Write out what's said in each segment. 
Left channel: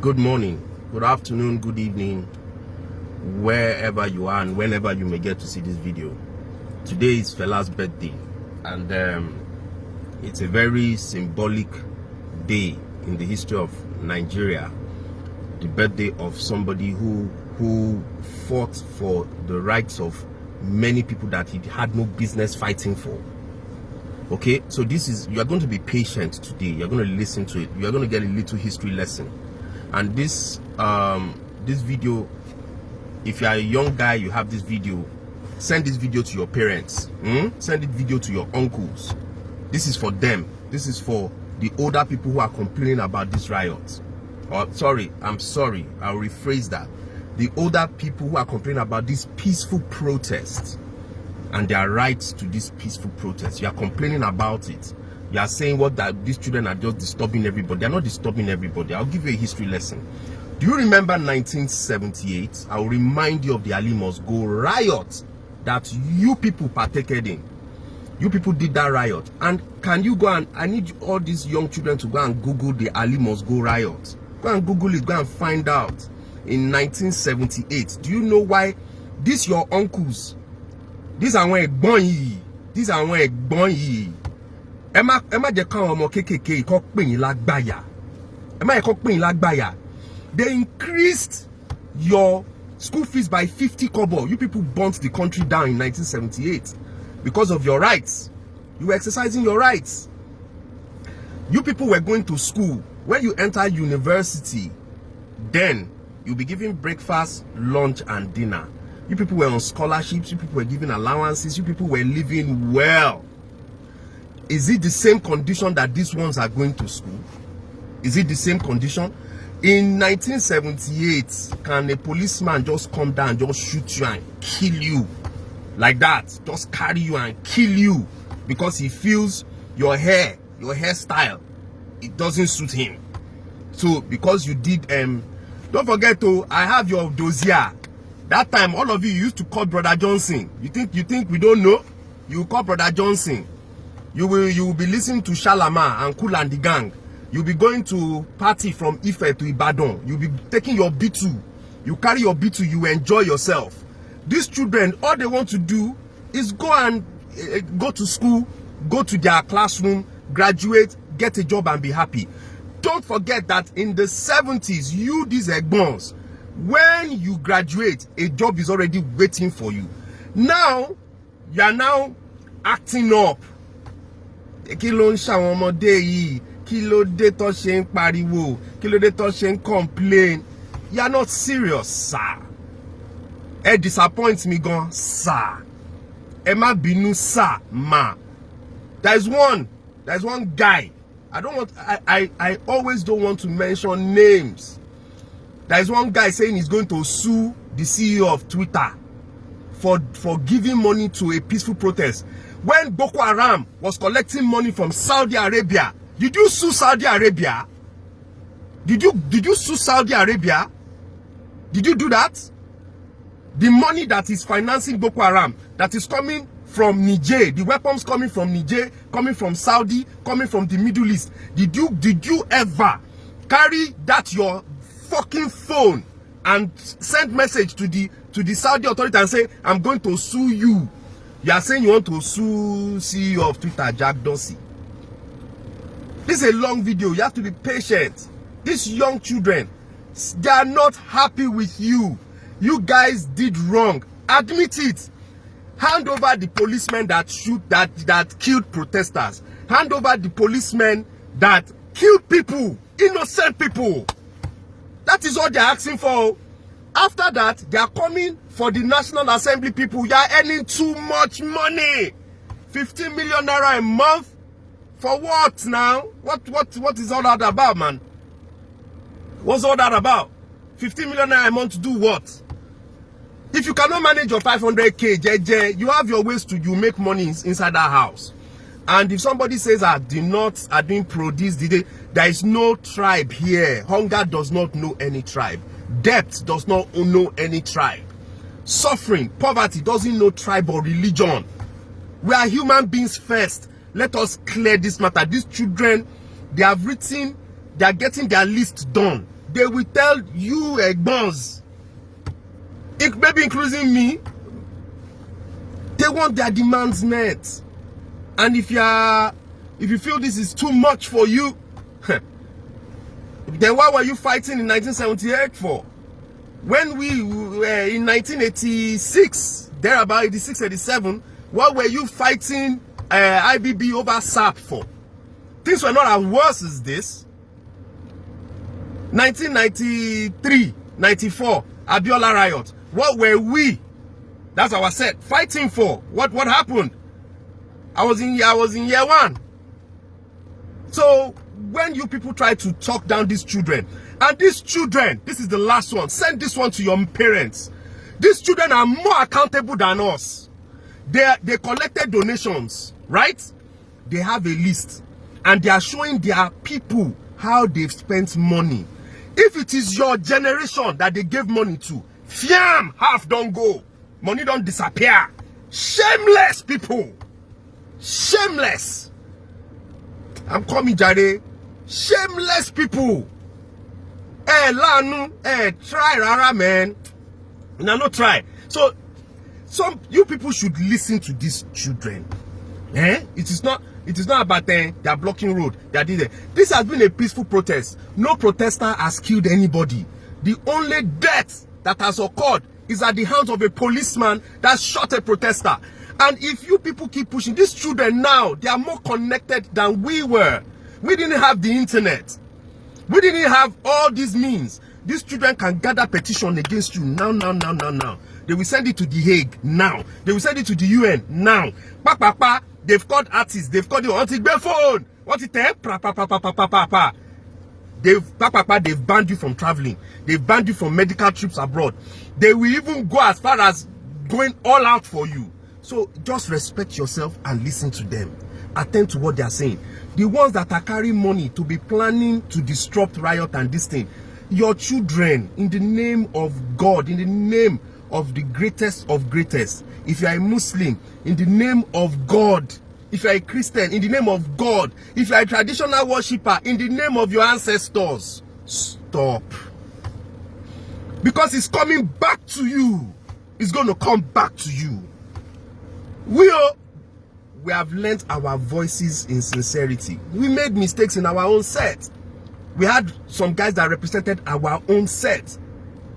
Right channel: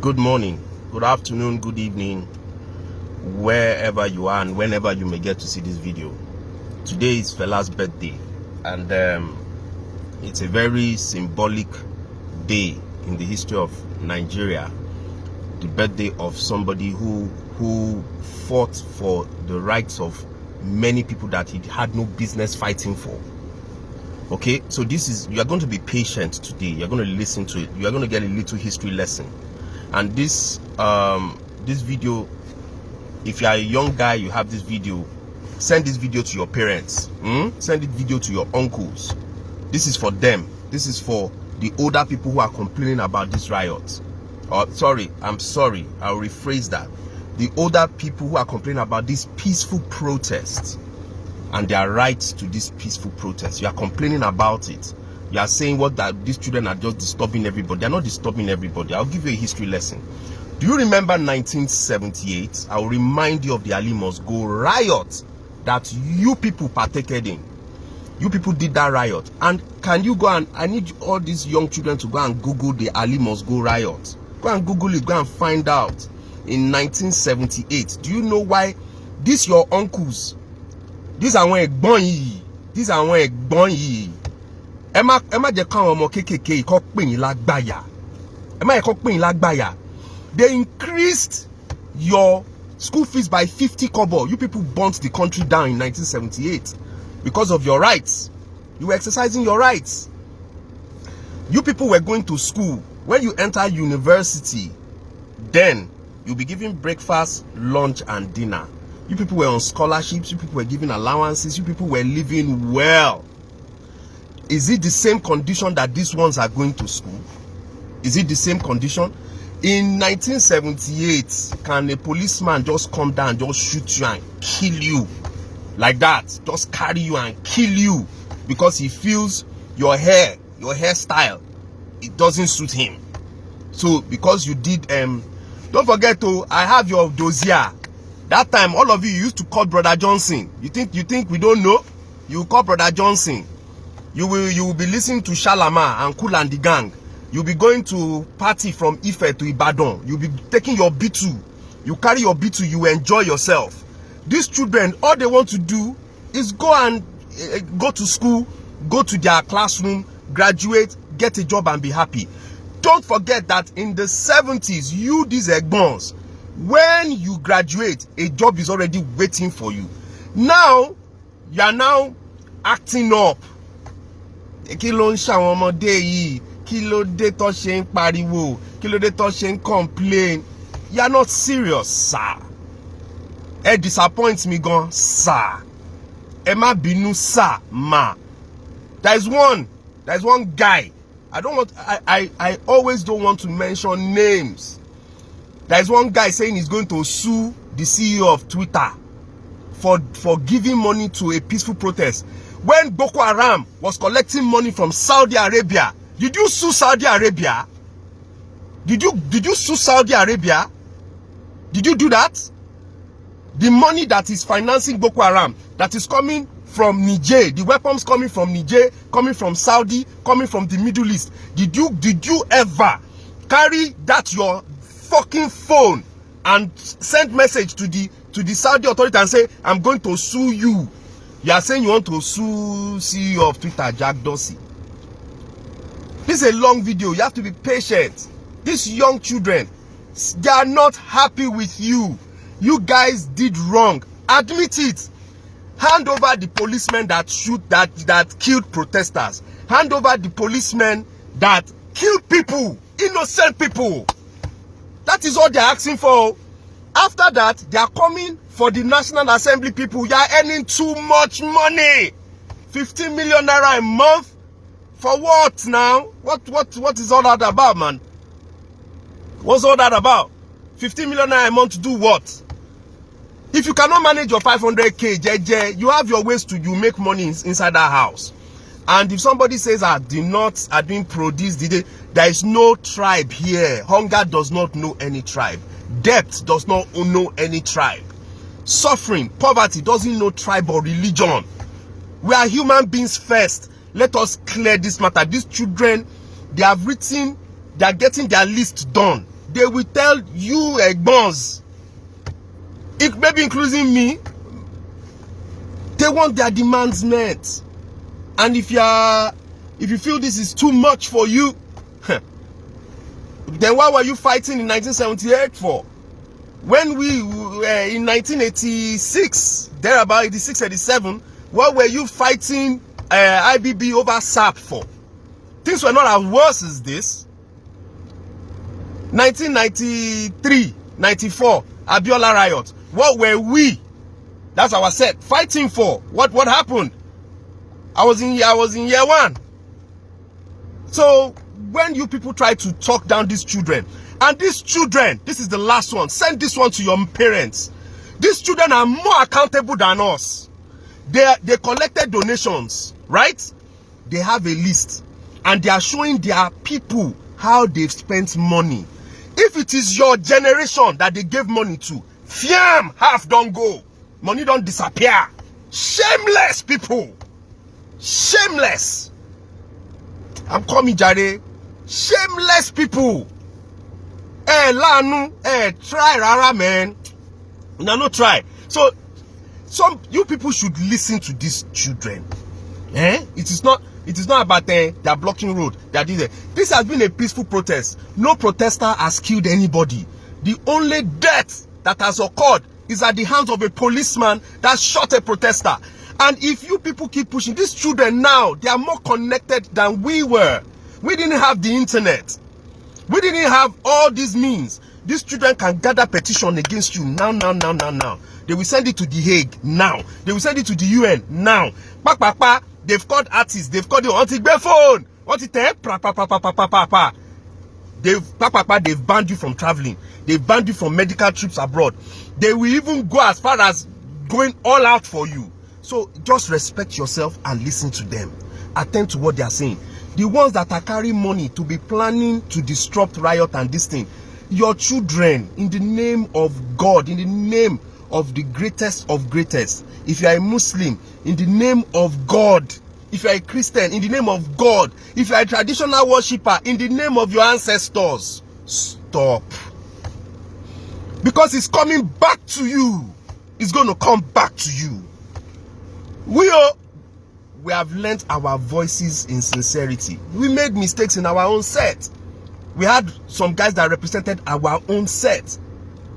Good morning, good afternoon, good evening, wherever you are and whenever you may get to see this video. Today is Fela's birthday, and it's a very symbolic day in the history of Nigeria. The birthday of somebody who fought for the rights of many people that he had no business fighting for. Okay, so you are going to be patient today. You're going to listen to it. You are going to get a little history lesson. And this video, if you are a young guy, you have this video, send this video to your parents. Send this video to your uncles. This is for them. This is for the older people who are complaining about these riots. I'll rephrase that. The older people who are complaining about this peaceful protest and their rights to this peaceful protest. You are complaining about it. You are saying that these children are just disturbing everybody. They are not disturbing everybody. I'll give you a history lesson. Do you remember 1978? I'll remind you of the Ali Must Go riot that you people partaken in. You people did that riot. And can you go and, I need all these young children to go and Google the Ali Must Go riot. Go and Google it, go and find out. In 1978, do you know why these your uncles, these are when these are when Emma je kan omo kekeke ko pe yin lagbaya. Emma ko pe yin lagbaya. They increased your school fees by 50 kobo. You people burnt the country down in 1978 because of your rights. You were exercising your rights. You people were going to school. When you enter university, then you'll be given breakfast, lunch, and dinner. You people were on scholarships. You people were given allowances. You people were living well. Is it the same condition that these ones are going to school? Is it the same condition? In 1978, can a policeman just come down, just shoot you and kill you like that? Just carry you and kill you because he feels your hairstyle, it doesn't suit him. So because you did, don't forget to, I have your dossier. That time, all of you used to call Brother Johnson. You think we don't know? You call Brother Johnson. You will be listening to Shalama and Cool and the gang. You'll be going to party from Ife to Ibadan. You'll be taking your B2. You carry your B2, you enjoy yourself. These children, all they want to do is go and go to school, go to their classroom, graduate, get a job and be happy. Don't forget that in the 70s, these egbons, when you graduate, a job is already waiting for you. Now, you are now acting up. Kí ló ń ṣàwọn ọmọdé yìí? Kí ló dé tó ṣe ń pariwo? Kí ló dé tó ṣe ń complain? You are not serious, sir. It disappoints me, gan, sir. Ẹ má bínú, sir, ma. There's one guy. I always don't want to mention names. There's one guy saying he's going to sue the CEO of Twitter for giving money to a peaceful protest. When Boko Haram was collecting money from Saudi Arabia, did you sue Saudi Arabia? Did you sue Saudi Arabia? Did you do that? The money that is financing Boko Haram, that is coming from Niger, the weapons coming from Niger, coming from Saudi, coming from the Middle East. Did you ever carry that your fucking phone and send message to the Saudi authority and say, I'm going to sue you? You are saying you want to sue CEO of Twitter, Jack Dorsey. This is a long video. You have to be patient. These young children, they are not happy with you. You guys did wrong. Admit it. Hand over the policemen that killed protesters. Hand over the policemen that killed people, innocent people. That is all they're asking for. After that, they are coming for the National Assembly people. You are earning too much money. 15 million naira a month? For what now? What is all that about, man? What's all that about? 15 million naira a month to do what? If you cannot manage your 500k, JJ, you have your ways to make money inside that house. And if somebody says the nuts are being produced, there is no tribe here. Hunger does not know any tribe. Debt does not know any tribe. Suffering, poverty doesn't know tribe or religion. We are human beings first. Let us clear this matter. These children, they are getting their list done. they will tell you egbons, maybe including me, they want their demands met. And if you feel this is too much for you, then why were you fighting in 1978 for? When we were in 1986, thereabout 86, 87, what were you fighting IBB over SAP for? Things were not as worse as this. 1993, 94, Abiola riot. What were we? That's our set fighting for. What happened? I was in year one. So when you people try to talk down these children, and these children, this is the last one, send this one to your parents. These children are more accountable than us. They collected donations, right? They have a list, and they are showing their people how they've spent money. If it is your generation that they gave money to, fiam, half don't go. Money don't disappear. Shameless people. Shameless. I'm coming, Jare. Shameless people. Lanu, try, rara, man. No, try. So, you people should listen to these children. It is not about they are blocking road. They are doing it. This has been a peaceful protest. No protester has killed anybody. The only death that has occurred is at the hands of a policeman that shot a protester. And if you people keep pushing, these children now, they are more connected than we were. We didn't have the internet. We didn't have all these means. These children can gather petition against you now. They will send it to The Hague now. They will send it to the UN now. They've called artists. They've called the phone. They've banned you from traveling. They've banned you from medical trips abroad. They will even go as far as going all out for you. So just respect yourself and listen to them. Attend to what they are saying. The ones that are carrying money to be planning to disrupt riot and this thing, your children, in the name of God, in the name of the greatest of greatest. If you are a Muslim, in the name of God. If you are a Christian, in the name of God. If you are a traditional worshipper, in the name of your ancestors, stop. Because it's coming back to you. It's going to come back to you. We have lent our voices in sincerity. We made mistakes in our own set. We had some guys that represented our own set.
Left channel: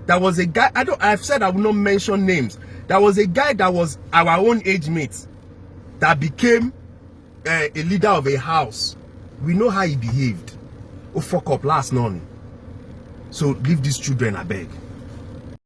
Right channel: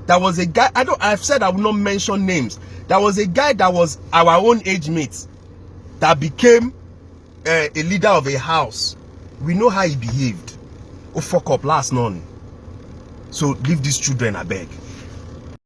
There was a guy, I've said I will not mention names. There was a guy that was our own age mate that became a leader of a house. We know how he behaved. Oh, fuck up last morning. So leave these children, I beg.